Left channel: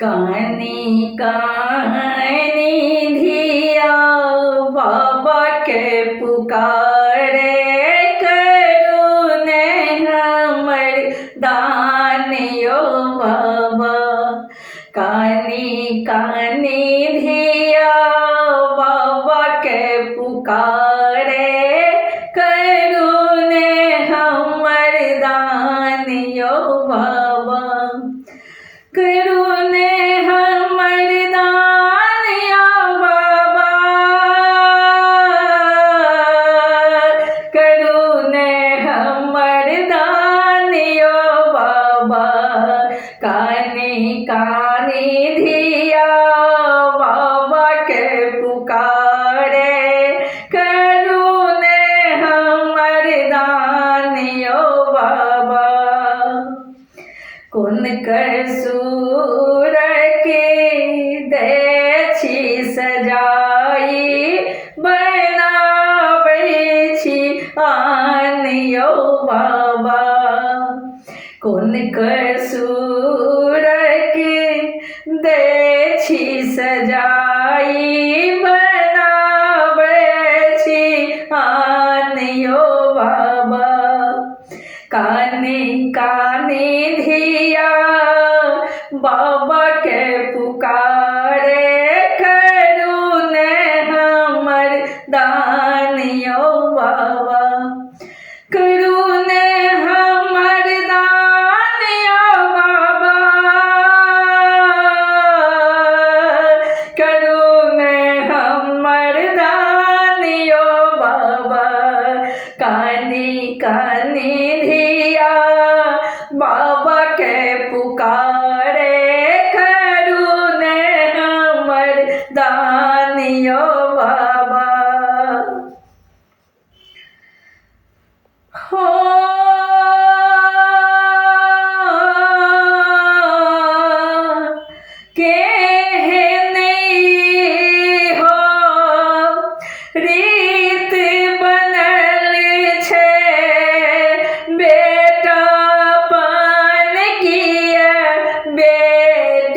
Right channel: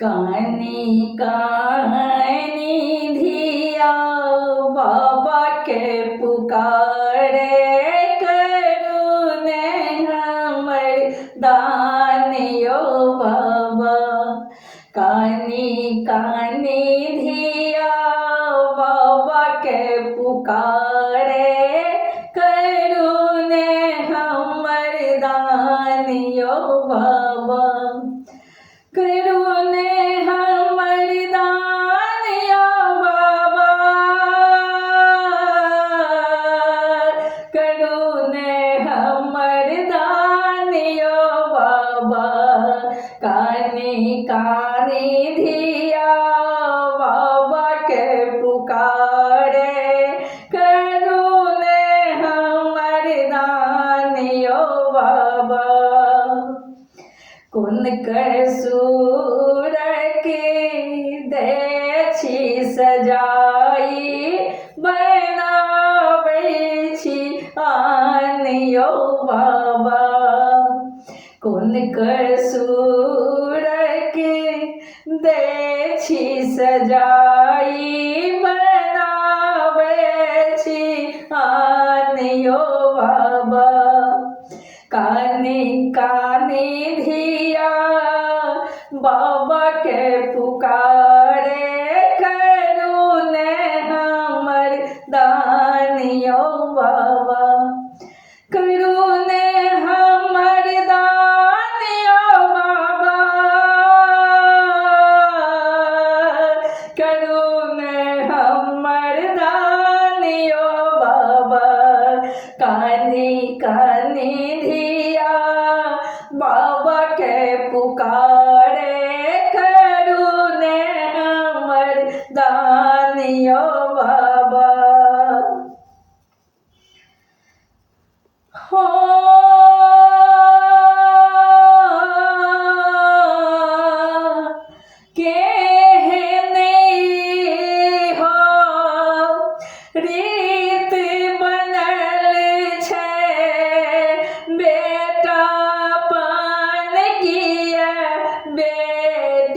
कानी कानी धिया बाबा के पुकारे, करुणे हमर दान यो बाबा। कानी कानी धिया बाबा के पुकारे, करुणे हमर दान यो बाबा। करुणे हमर दान या बाबा, करुणे हमर दान यो बाबा। कानी कानी धिया बाबा के पुकारे, करुणे हमर दान यो बाबा। कोन कसूर के दै छी सजाई, बनाबै छी आन यो बाबा। कोन कसूर के दै छी सजाई, बनाबै छी आन यो बाबा। कानी कानी धिया बाबा के पुकारे, करुणे हमर दान यो बाबा। करुणे हमर दान यो बाबा, करुणे हमर दान यो बाबा। कानी कानी धिया बाबा के पुकारे, करुणे हमर दान यो बाबा। हो केहने हो रीत बनल छै, बेटापन किए बेटियान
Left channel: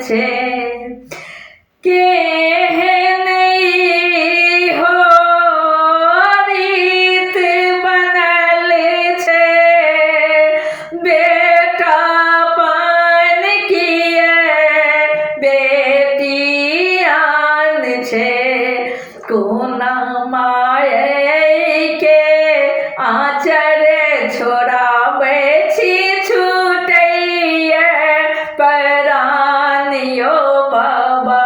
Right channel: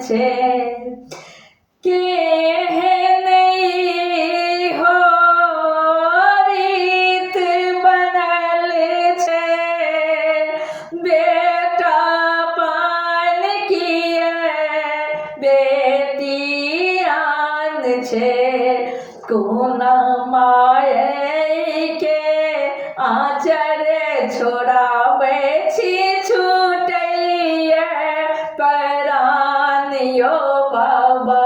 छै। केहने हो रीत बनल छै, बेटापन किए बेटियान छै। कोना माय के आँचर छोड़ाबै छी, छूटैए परान यो बाबा।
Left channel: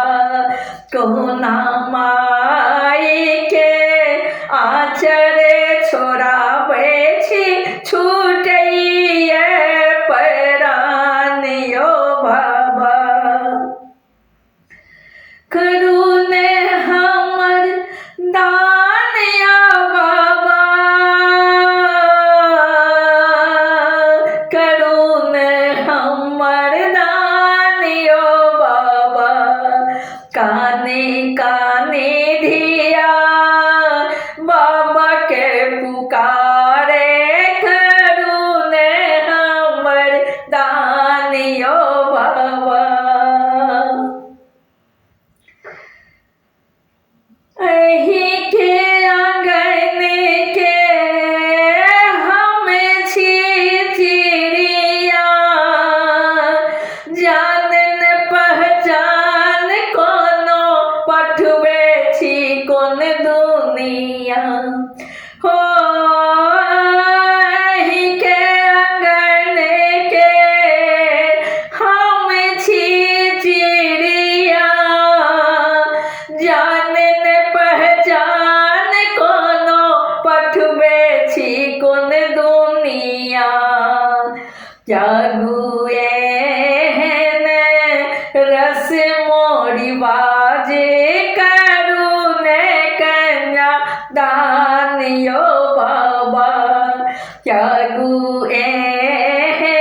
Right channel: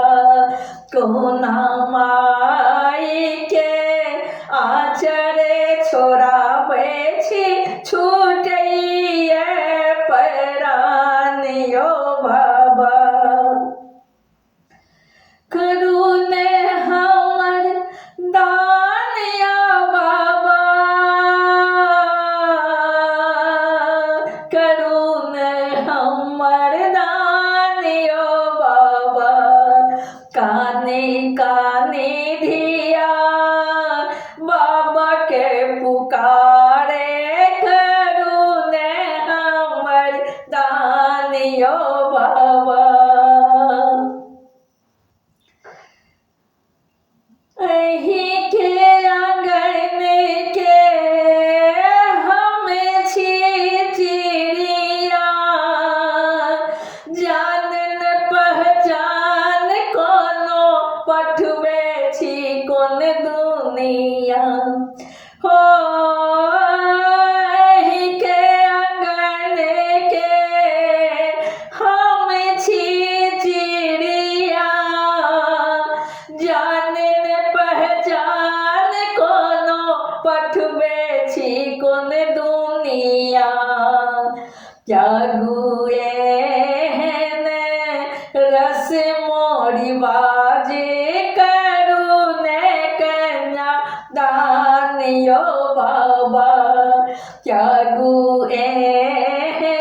कोना माय के आँचर छोड़ाबै छी, छूटैए परान यो बाबा। करुणे हमर दान या बाबा, करुणे हमर दान यो बाबा। कानी कानी धिया बाबा के पुकारे, करुणे हमर दान यो बाबा। अही के आंगन के हम छी चिड़िया, जान न पहचान कोनो पठबै छी कोन दुनिया। हो अही के आंगन के हम छी चिड़िया, जान न पहचान कोनो पठबै छी कोन दुनिया। जागू एहन रस मोरी बाजे, करुणे कन्या दान यो बाबा। जागू एहन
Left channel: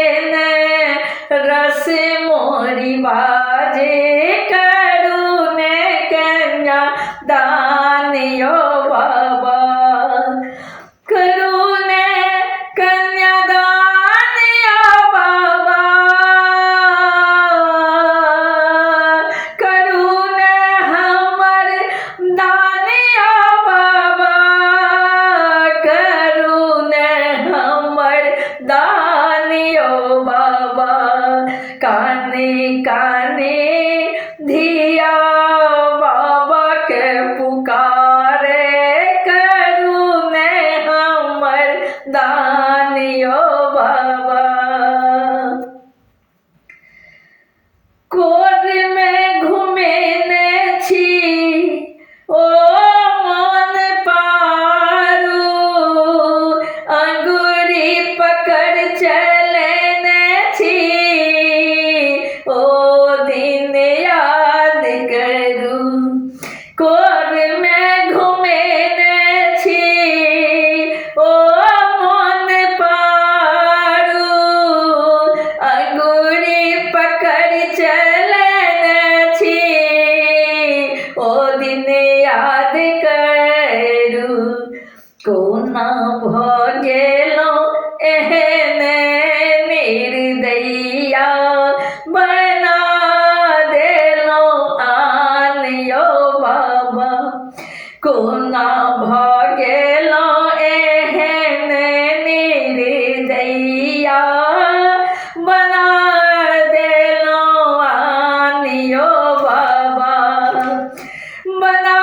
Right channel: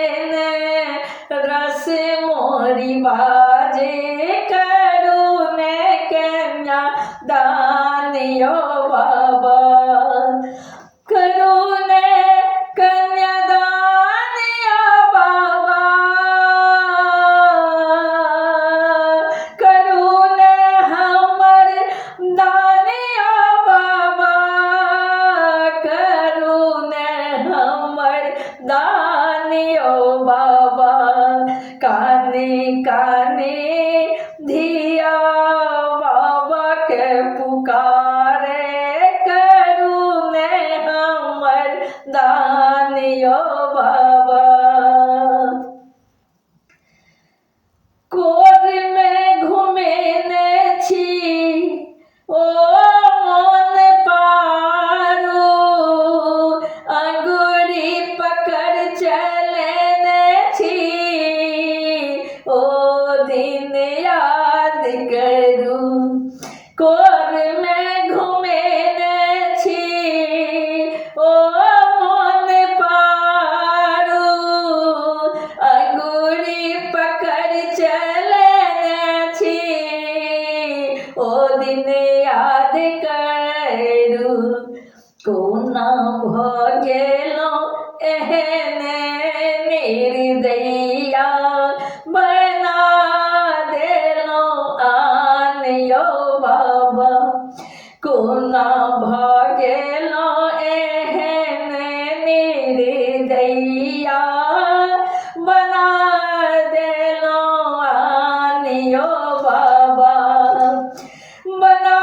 दिन याद करू कोना भ गेलो एहने निर्दयिया बना देलो आन यो बाबा कोना भ गेलो एहने निर्दयिया बना देलो आन यो बाबा बना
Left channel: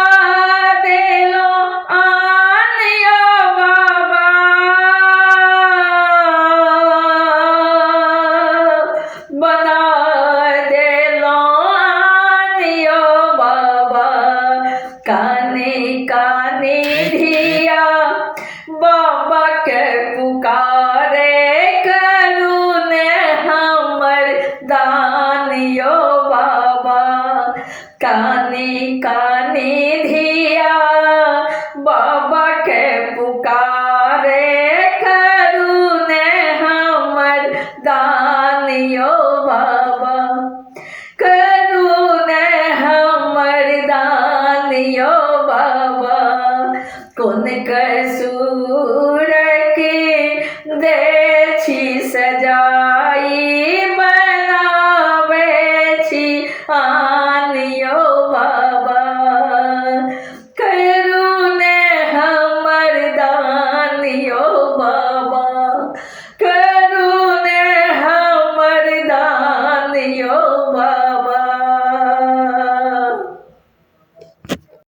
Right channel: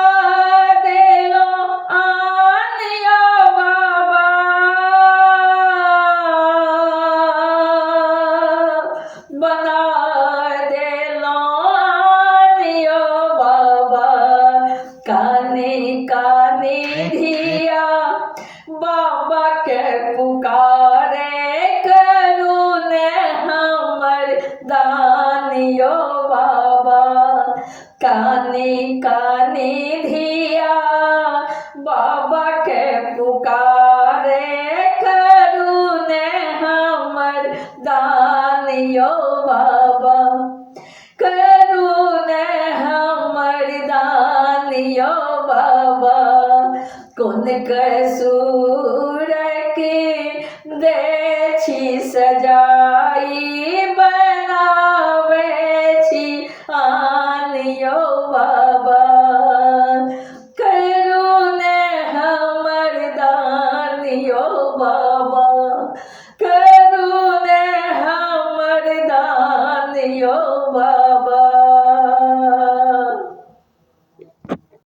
देलो आन यो बाबा बना देलो आन यो बाबा काने काने धिया बाबा के पुकारे करू ने हमर दान यो बाबा काने काने धिया बाबा के पुकारे करू ने हमर दान यो बाबा करू ने हमर दान यो बाबा कोन कसूर के दे छी सजाई बनावे छी आन यो बाबा करू ने हमर दान यो बाबा करू ने हमर दान यो बाबा